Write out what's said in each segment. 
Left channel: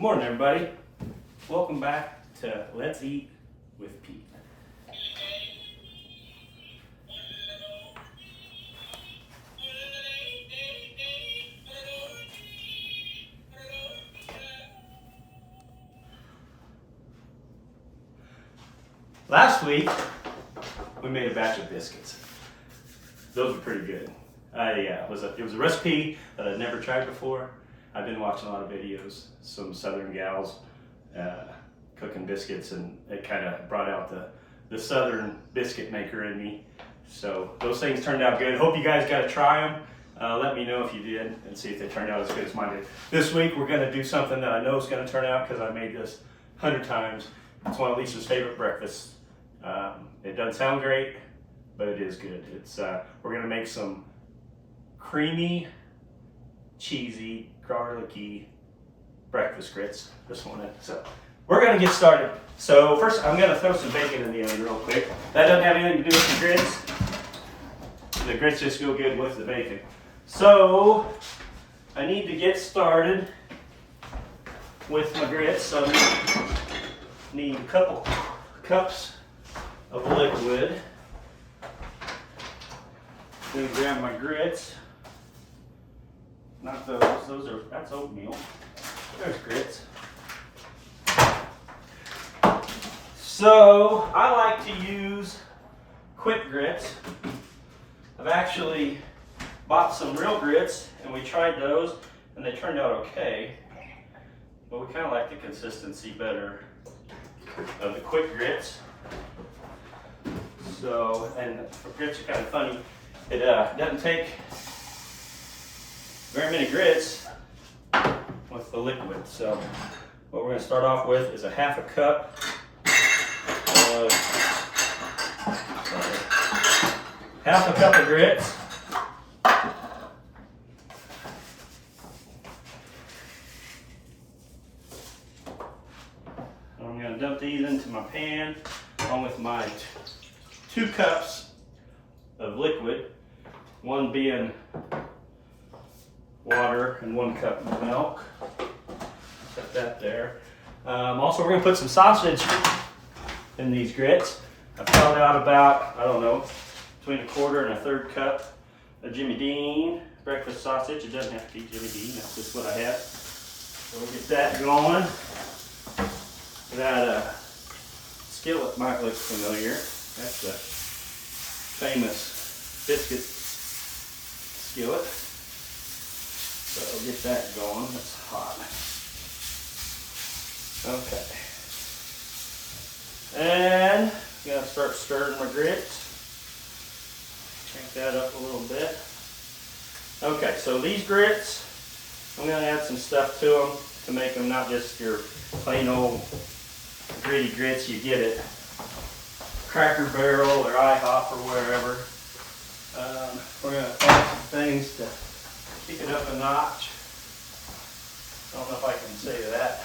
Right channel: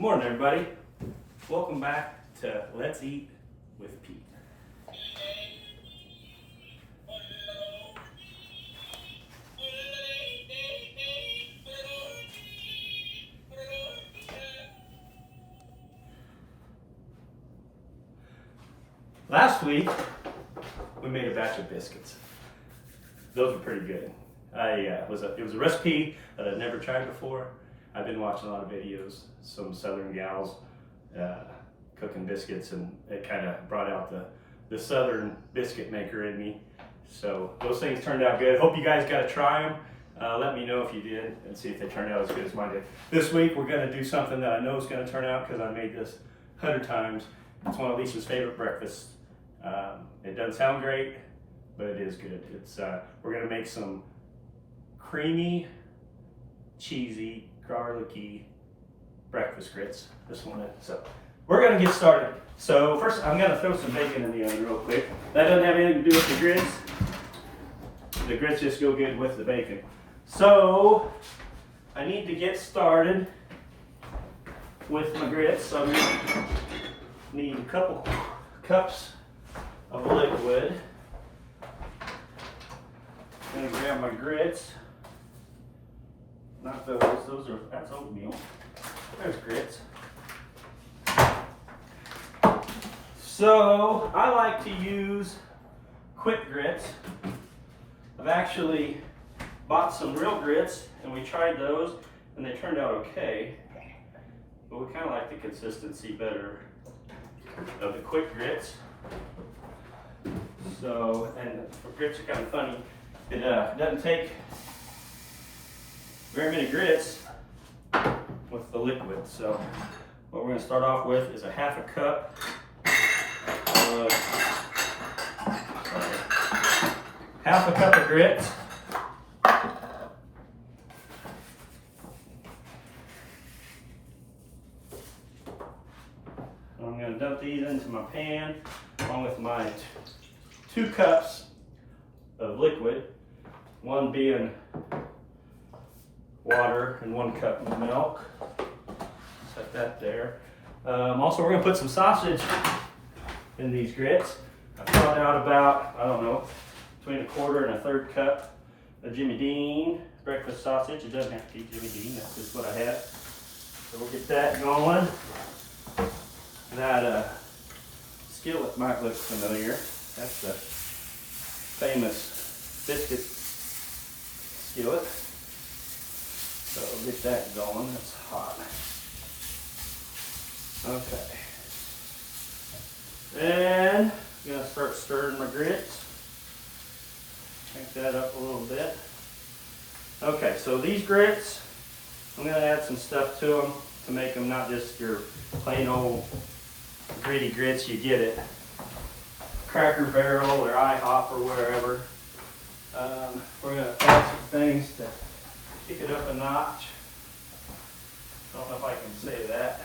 Good morning, everybody. Welcome back to Let's Eat with Pete. Last week, we made a batch of biscuits. Those were pretty good. It was a recipe that I'd never tried before. I've been watching a lot of videos, some southern gals cooking biscuits, and it kind of brought out the southern biscuit maker in me. So those things turned out good. Hope you guys got to try them. Let me know if you did and see if they turned out as good as mine did. This week we're going to do something that I know is going to turn out because I made this 100 times. It's one of Lisa's favorite breakfasts. It doesn't sound great, but it is good. We're going to make some creamy, cheesy, garlicky breakfast grits. So we're going to get started. So first I'm going to throw some bacon in the oven real quick. That doesn't have anything to do with the grits. The grits just go good with the bacon. So I need to get started with my grits. So I'm going to need a couple cups of liquid. I'm going to grab my grits. Not those, that's oatmeal. There's grits. So I like to use quick grits. I've actually bought some real grits and we tried those and they turned out okay. But we kind of like the consistency better of the quick grits. So, and grits are kind of funny. It doesn't take very many grits with the liquid. So what we're going to start off with is a half a cup of grits. I'm going to dump these into my pan along with my 2 cups of liquid, one being water and 1 cup of milk. Set that there. Also, we're going to put some sausage in these grits. I found out about, I don't know, between 1/4 and 1/3 cup of Jimmy Dean breakfast sausage. It doesn't have to be Jimmy Dean, that's just what I have. So we'll get that going. That skillet might look familiar. That's the famous biscuit skillet. So we'll get that going. That's hot. Okay. And I'm going to start stirring my grits. Crank that up a little bit. Okay, so these grits, I'm going to add some stuff to them to make them not just your plain old gritty grits you get at Cracker Barrel or IHOP or wherever. We're going to add some things to kick it up a notch. I don't know if I can say that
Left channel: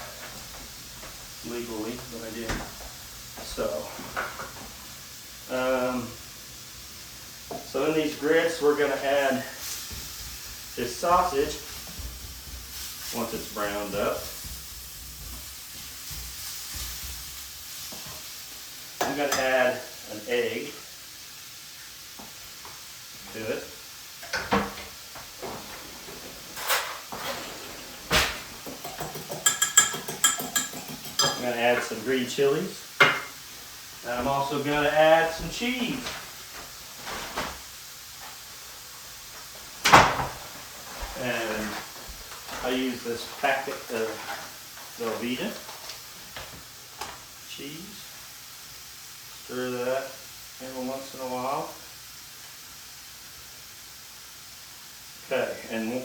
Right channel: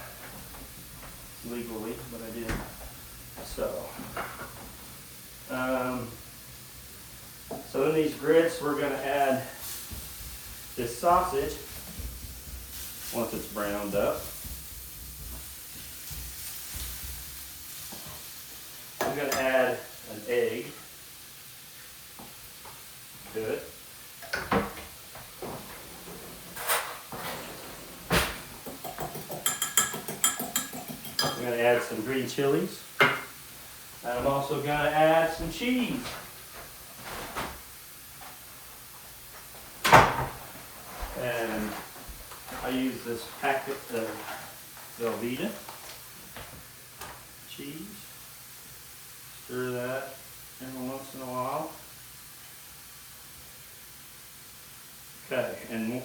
legally, but I did. So in these grits, we're going to add this sausage once it's browned up. I'm going to add an egg to it. I'm going to add some green chilies. And I'm also going to add some cheese. And I use this packet of Velveeta cheese. Stir that every once in a while. Okay, and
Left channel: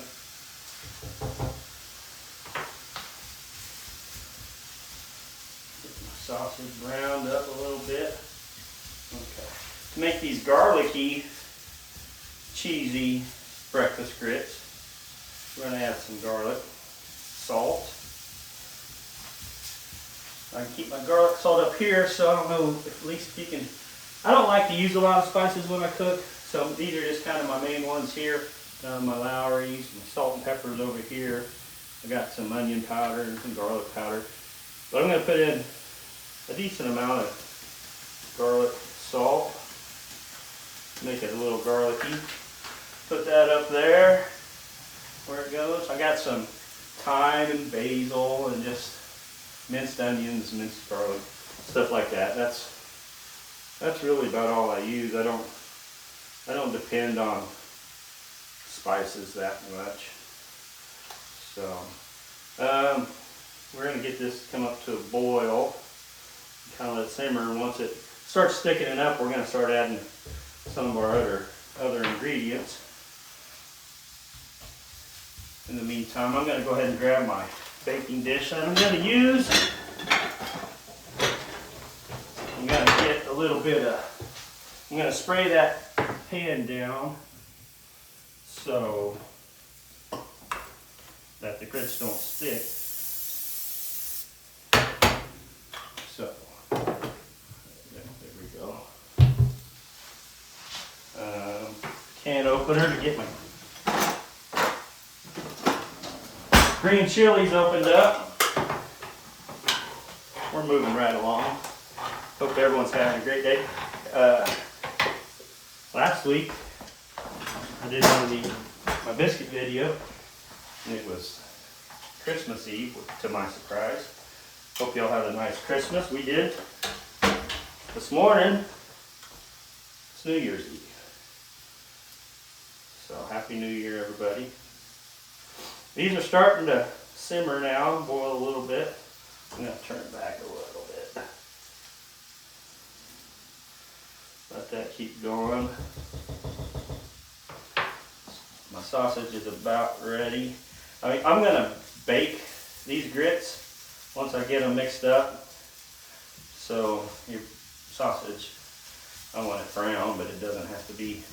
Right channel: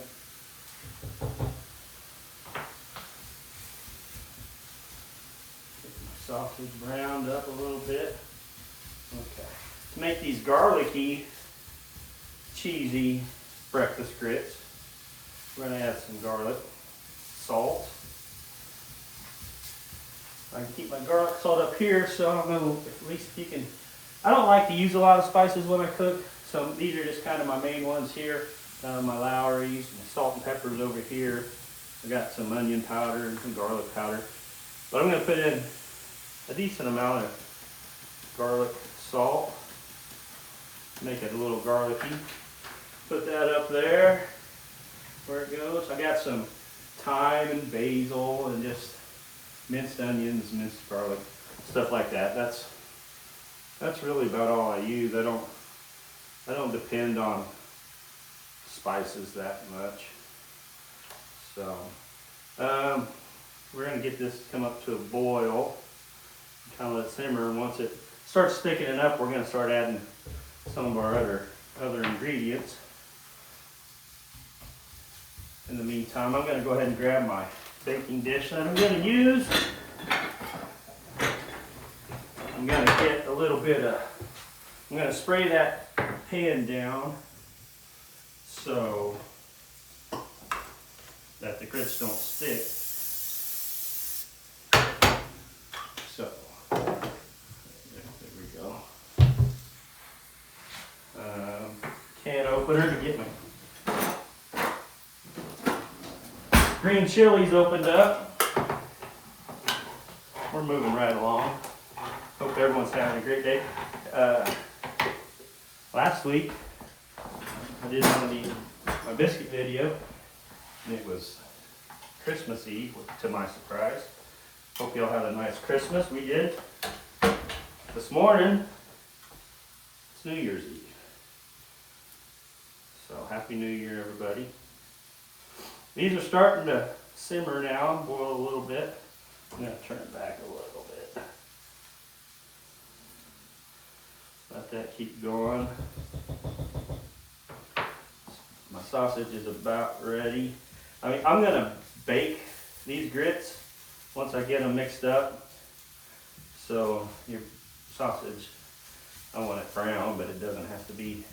sausage browned up a little bit. Okay. To make these garlicky, cheesy breakfast grits, we're going to add some garlic, salt. I can keep my garlic salt up here, so I don't know if at least you can. I don't like to use a lot of spices when I cook, so these are just kind of my main ones here. My Lowry's, my salt and peppers over here. I got some onion powder and some garlic powder. But I'm going to put in a decent amount of garlic salt. Make it a little garlicky. Put that up there where it goes. I got some thyme and basil and just minced onions, minced garlic, stuff like that. That's really about all I use. I don't depend on spices that much. So we're gonna get this come up to a boil, kind of let it simmer. Once it starts thickening up, we're gonna start adding some of our other ingredients. In the meantime, I'm gonna go ahead and grab my baking dish that I'm gonna use. I'm gonna get a little bit of, I'm gonna spray that pan down so that the grits don't stick. So, there we go. Can opener to get my green chilies opened up. We're moving right along. Hope everyone's having a great day. Last week, I did my biscuit video, and it was Christmas Eve, to my surprise. Hope y'all had a nice Christmas. We did. This morning, it's New Year's Eve. So, Happy New Year, everybody. These are starting to simmer now, boil a little bit. I'm going to turn it back a little bit. Let that keep going. My sausage is about ready. I'm going to bake these grits once I get them mixed up. So your sausage, I want it brown, but it doesn't have to be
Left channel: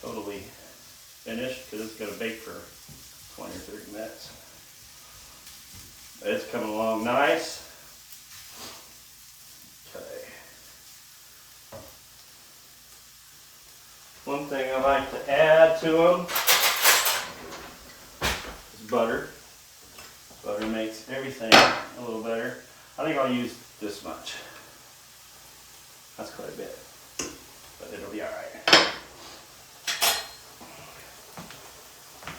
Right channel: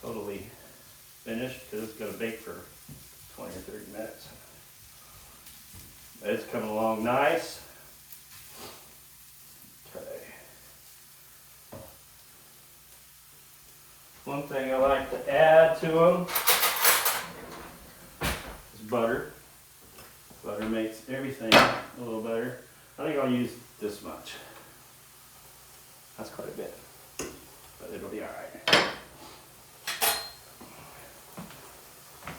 totally finished because it's going to bake for 20 or 30 minutes. It's coming along nice. Okay. One thing I like to add to them is butter. Butter makes everything a little better. I think I'll use this much. That's quite a bit, but it'll be all right.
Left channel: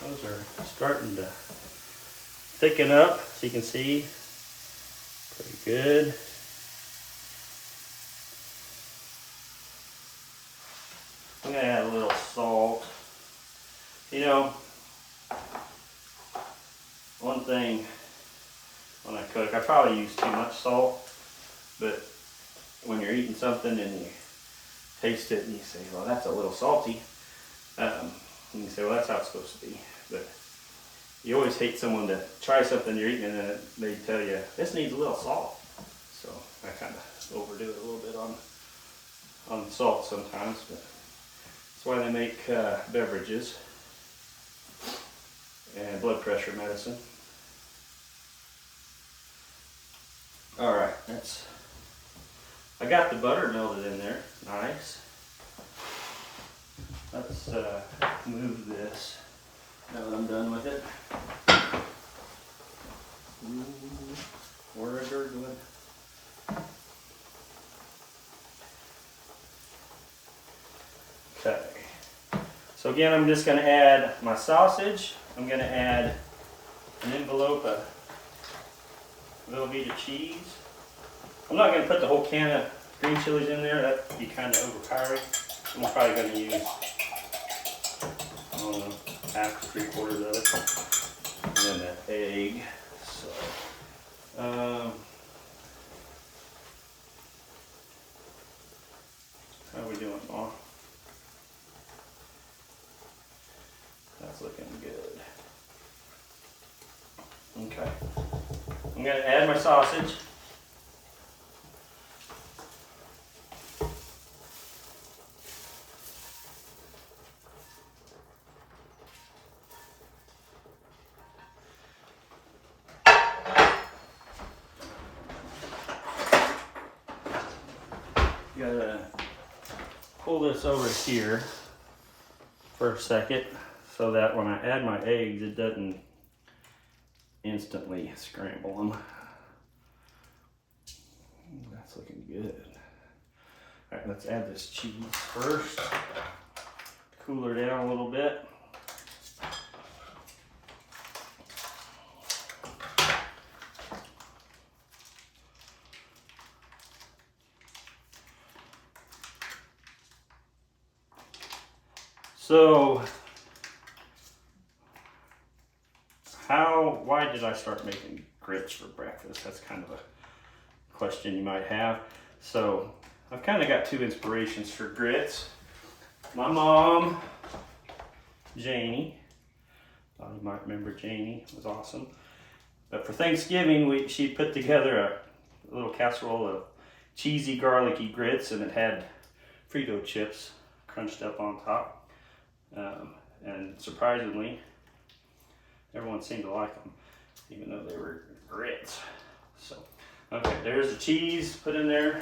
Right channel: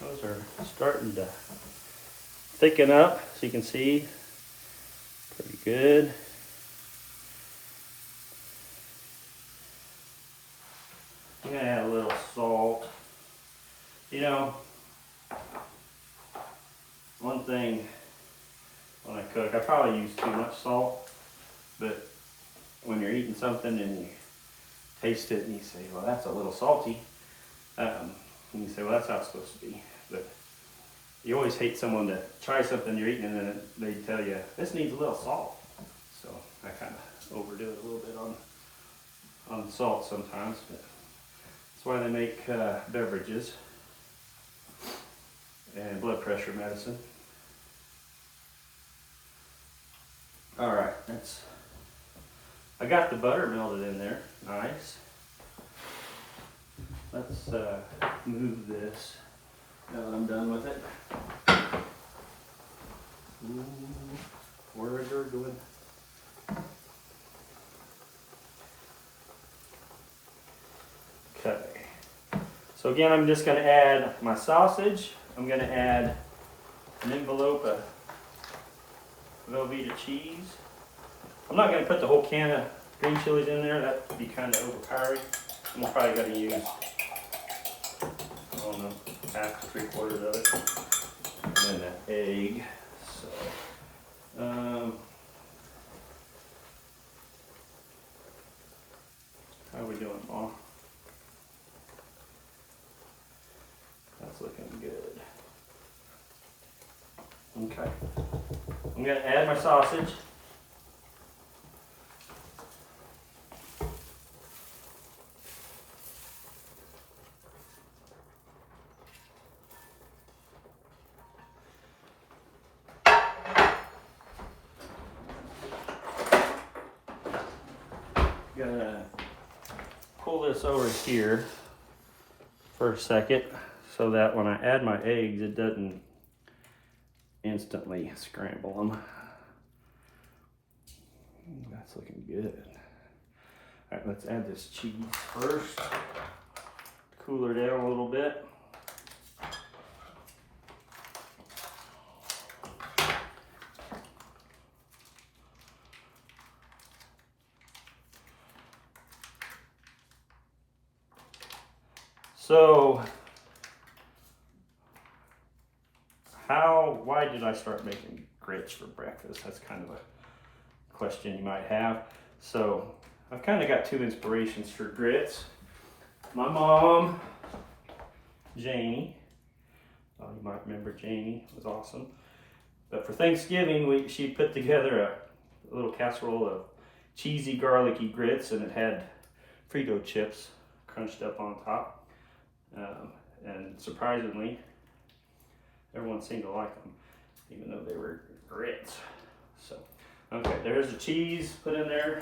Those are starting to thicken up, so you can see, pretty good. I'm gonna add a little salt. You know, one thing when I cook, I probably use too much salt, but when you're eating something and you taste it and you say, well, that's a little salty, and you say, well, that's how it's supposed to be. But you always hate someone to try something you're eating and then they tell you, this needs a little salt. So I kind of overdo it a little bit on salt sometimes, but that's why they make beverages and blood pressure medicine. All right, I got the butter melted in there, nice. Let's move this now that I'm done with it. Ooh, we're gurgling. Okay. So again, I'm just going to add my sausage. I'm going to add an envelope of Velveeta cheese. I'm not going to put the whole can of green chilies in there. That would be kind of overpowering. I'm probably going to use, I don't know, half, 3/4 of it. And then an egg. So, how are we doing, Mom? That's looking good. Okay. I'm going to add my sausage. Gonna pull this over here for a second so that when I add my eggs, it doesn't instantly scramble them. That's looking good. All right, let's add this cheese first. Cool her down a little bit. So, why did I start making grits for breakfast? That's kind of a question you might have. So, I've kind of got two inspirations for grits. My mom, Janie, thought you might remember Janie, was awesome. But for Thanksgiving, she put together a little casserole of cheesy, garlicky grits, and it had Frito chips crunched up on top. And surprisingly, everyone seemed to like them, even though they were grits. So, okay, there's the cheese put in there.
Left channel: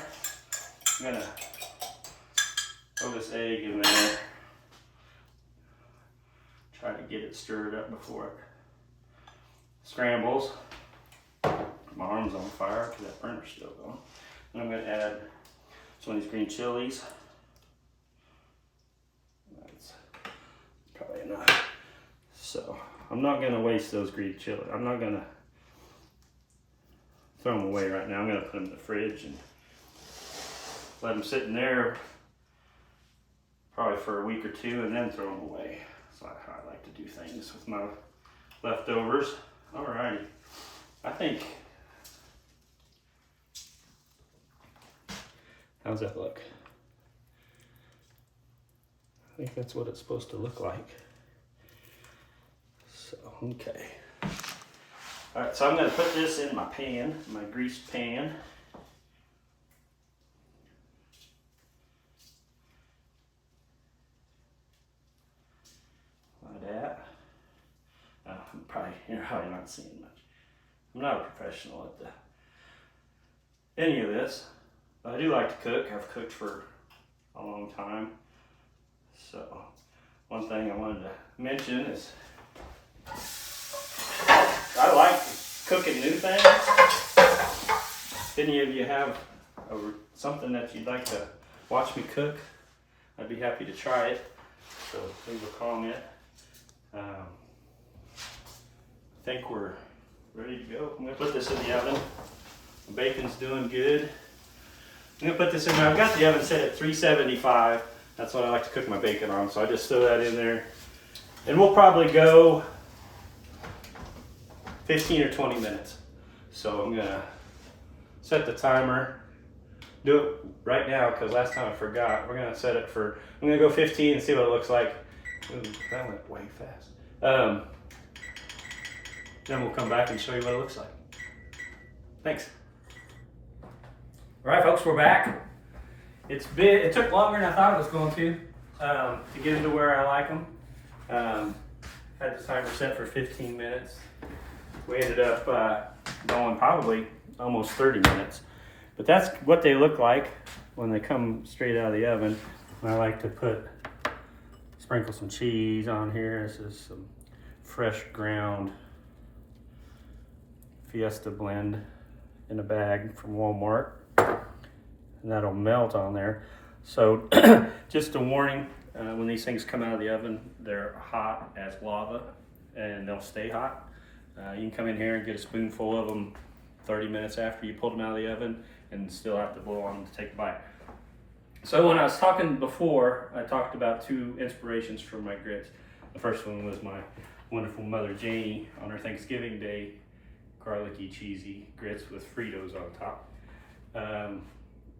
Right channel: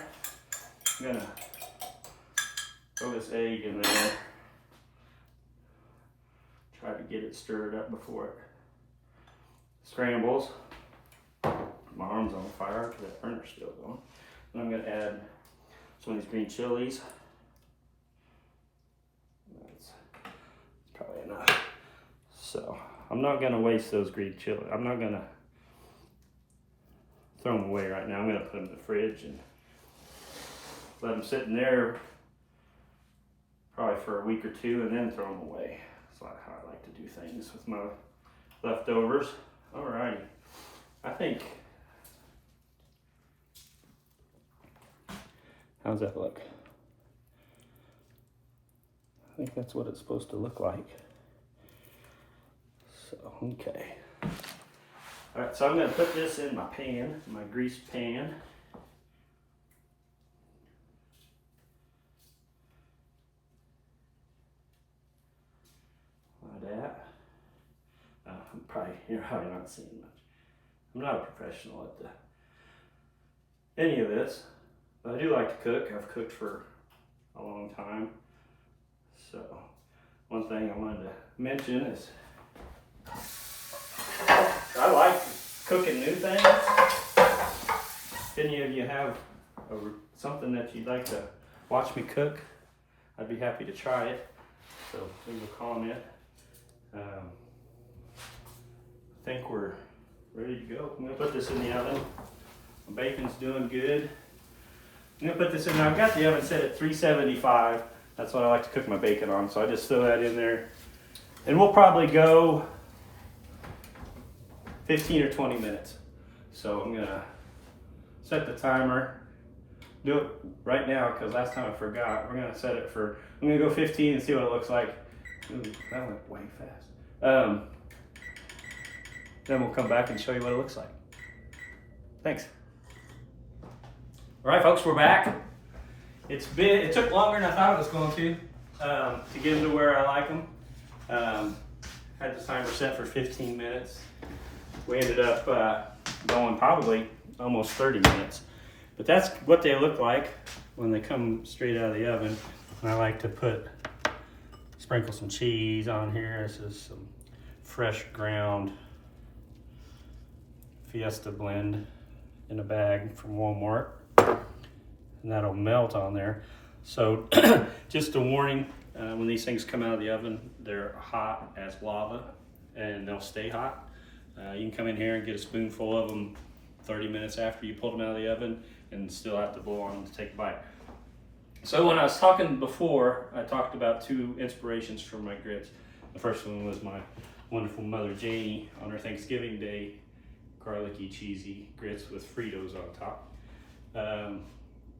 I'm gonna throw this egg in there. Try to get it stirred up before it scrambles. My arm's on fire because that burner's still going. And I'm gonna add some of these green chilies. That's probably enough. So I'm not gonna waste those green chili. I'm not gonna throw them away right now. I'm gonna put them in the fridge and let them sit in there probably for a week or two and then throw them away. That's how I like to do things with my leftovers. Alrighty, I think, how's that look? I think that's what it's supposed to look like. So, okay. All right, so I'm gonna put this in my pan, my greased pan. Like that. You're probably not seeing much. I'm not a professional at any of this, but I do like to cook. I've cooked for a long time. So, one thing I wanted to mention is I like cooking new things. If any of you have something that you'd like to watch me cook, I'd be happy to try it. So leave a comment. I think we're ready to go. I'm gonna put this in the oven. My bacon's doing good. I'm gonna put this in there. I've got the oven set at 375. That's what I like to cook my bacon on. So I just throw that in there. And we'll probably go 15 or 20 minutes. So I'm gonna set the timer. Do it right now because last time I forgot. We're gonna set it for, I'm gonna go 15 and see what it looks like. Ooh, that went way fast. Then we'll come back and show you what it looks like. Thanks. All right, folks, we're back. It took longer than I thought it was going to get them to where I like them. Had the timer set for 15 minutes. We ended up going probably almost 30 minutes. But that's what they look like when they come straight out of the oven. And I like to sprinkle some cheese on here. This is some fresh ground Fiesta blend in a bag from Walmart. And that'll melt on there. So just a warning, when these things come out of the oven, they're hot as lava and they'll stay hot. You can come in here and get a spoonful of them 30 minutes after you pulled them out of the oven and still have to blow on them to take a bite. So when I was talking before, I talked about two inspirations for my grits. The first one was my wonderful mother Janie on her Thanksgiving Day, garlicky, cheesy grits with Fritos on top.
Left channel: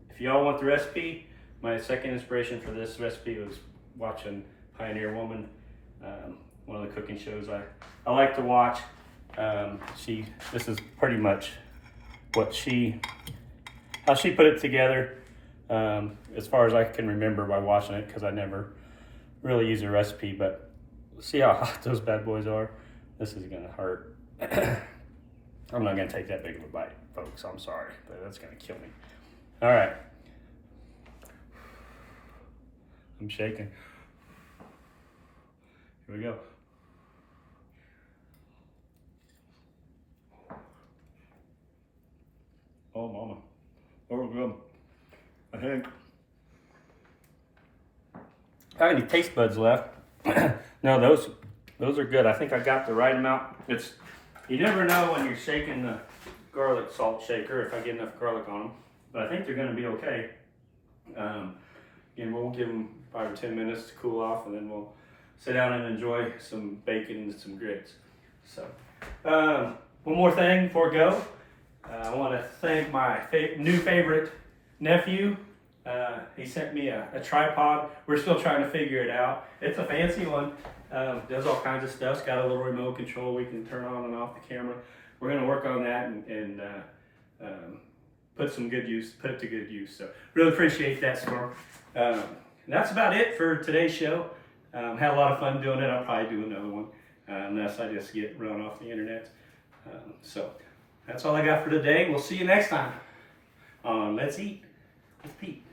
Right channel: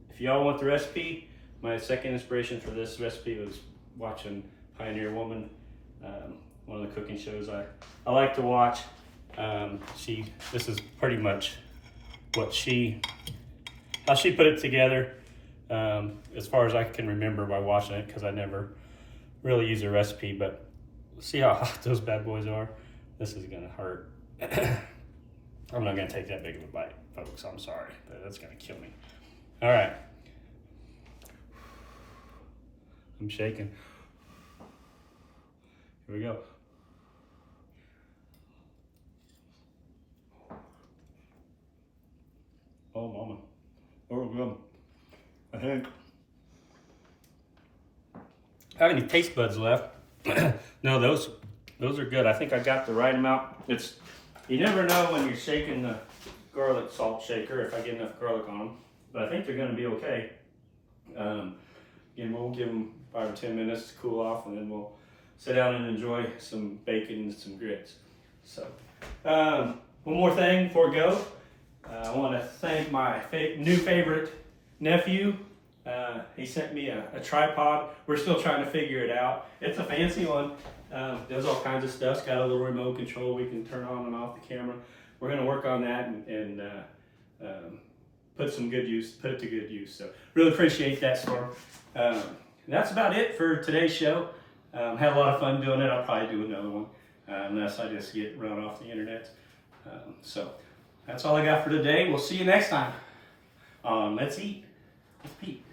If y'all want the recipe, my second inspiration for this recipe was watching Pioneer Woman, one of the cooking shows I like to watch. This is pretty much how she put it together, as far as I can remember by watching it, because I never really used a recipe, but see how hot those bad boys are? This is gonna hurt. I'm not gonna take that big of a bite, folks, I'm sorry, but that's gonna kill me. All right. I'm shaking. Here we go. Oh, mama. Oh, good. I think. I have any taste buds left? No, those are good. I think I got the right amount. You never know when you're shaking the garlic salt shaker if I get enough garlic on them, but I think they're going to be okay. And we'll give them 5 or 10 minutes to cool off, and then we'll sit down and enjoy some bacon and some grits. So, one more thing before we go. I want to thank my new favorite nephew. He sent me a tripod. We're still trying to figure it out. It's a fancy one. Does all kinds of stuff. It's got a little remote control we can turn on and off the camera. We're going to work on that and put it to good use. So really appreciate that, Storm. That's about it for today's show. Had a lot of fun doing it. I'll probably do another one unless I just get run off the internet. So that's all I got for today. We'll see you next time on Let's Eat with Pete.